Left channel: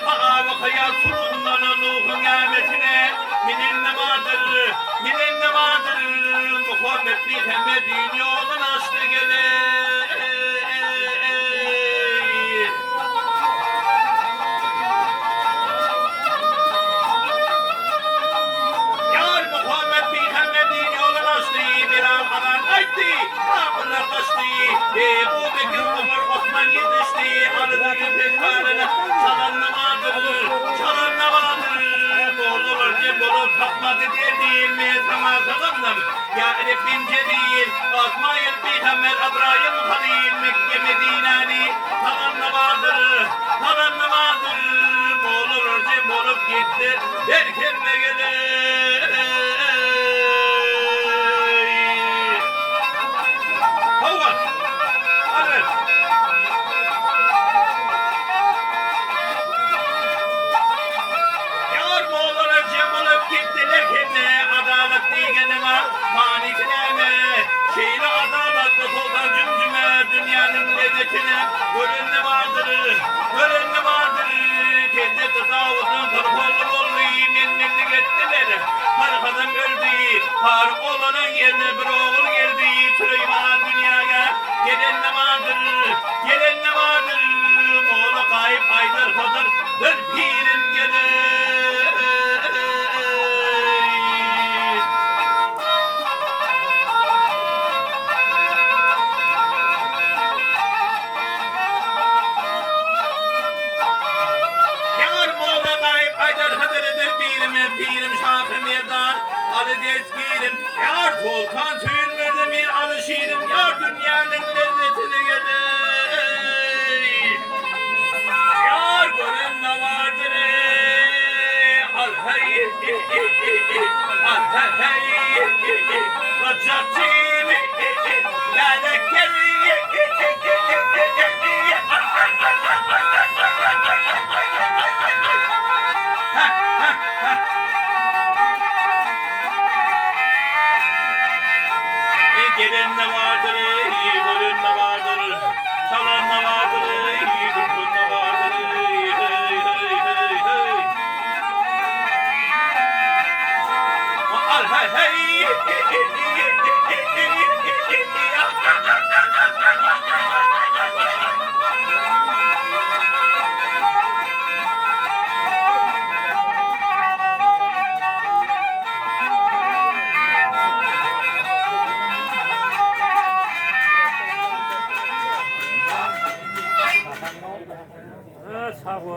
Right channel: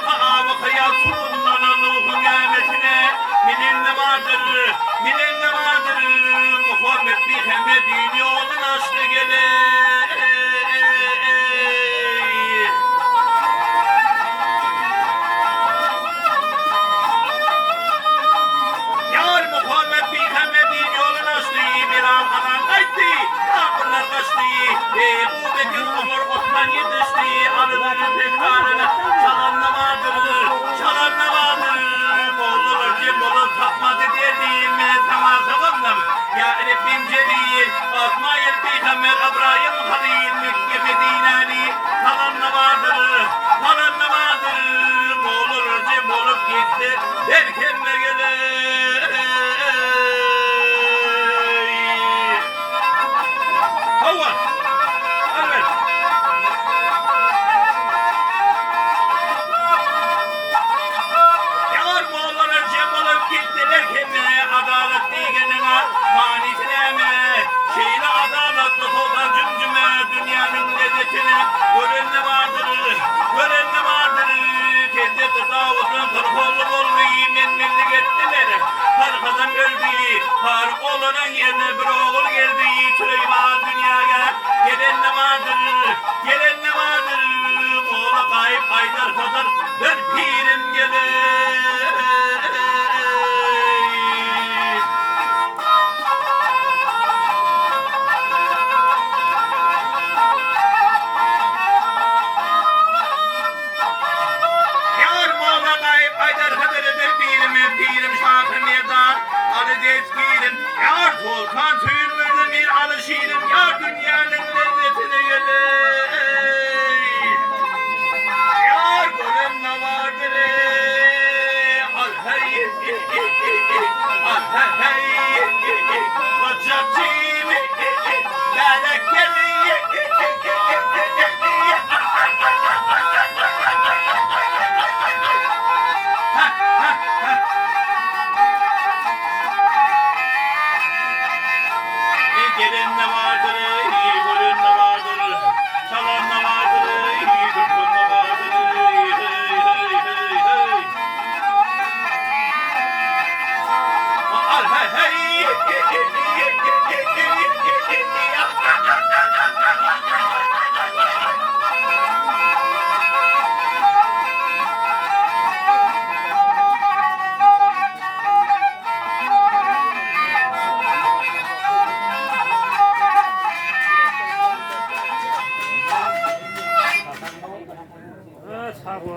kavakaya sunumdan ruhun emetine minin vardır, minin vardır. Muhammed Muhammed'in yolunu açtı gelir. Yar Muhammed Muhammed'in yolunu açtı. Bir arkadan kaydı, kapılar kaçtı. Bu Bekir Ömer Osman yetişti. Arıların tekrarına çalanla vardır, çalanla vardır. Boğulur, cim bulup takmadı derdim. Sana salamlam, ya Rabbince değil. Asma Peygamber Abraham Halil Mekke Medine'li. Çalanla vardır, çalanla vardır. Boğulur, cim bulup gitti. Derken ne gelir? Hava, evet. Yar Moğollara cem olup gittiler kime adalet diyenine manifine mi? Şeyle adalet tutuldan cümcüme dünyanın lezzetine gören ne vardır, gören ne vardır? Kendi tasavvufun kırkollu oldu, minnet ettiler. Harikadan öldü, harip olan yerine bir oğul geldi. Süleyman dünyaya gelen ne vardır, gelen ne vardır? Moğol'a kayıp Haydar Hazar bir pirim gelir. Yar Moğol'a kayıp Haydar Hazar'ı bir pirim şahı mevdar. Adı dezgirim, yar Volkan suyun bir alışırım. Yar dünyanın lezzetini gelir. Yar görün ne vardır al hey al hey Bacacım berekeli Gelin ne vardır, görün ne vardır, çalan ne vardır, durgun ne vardır, al hey hey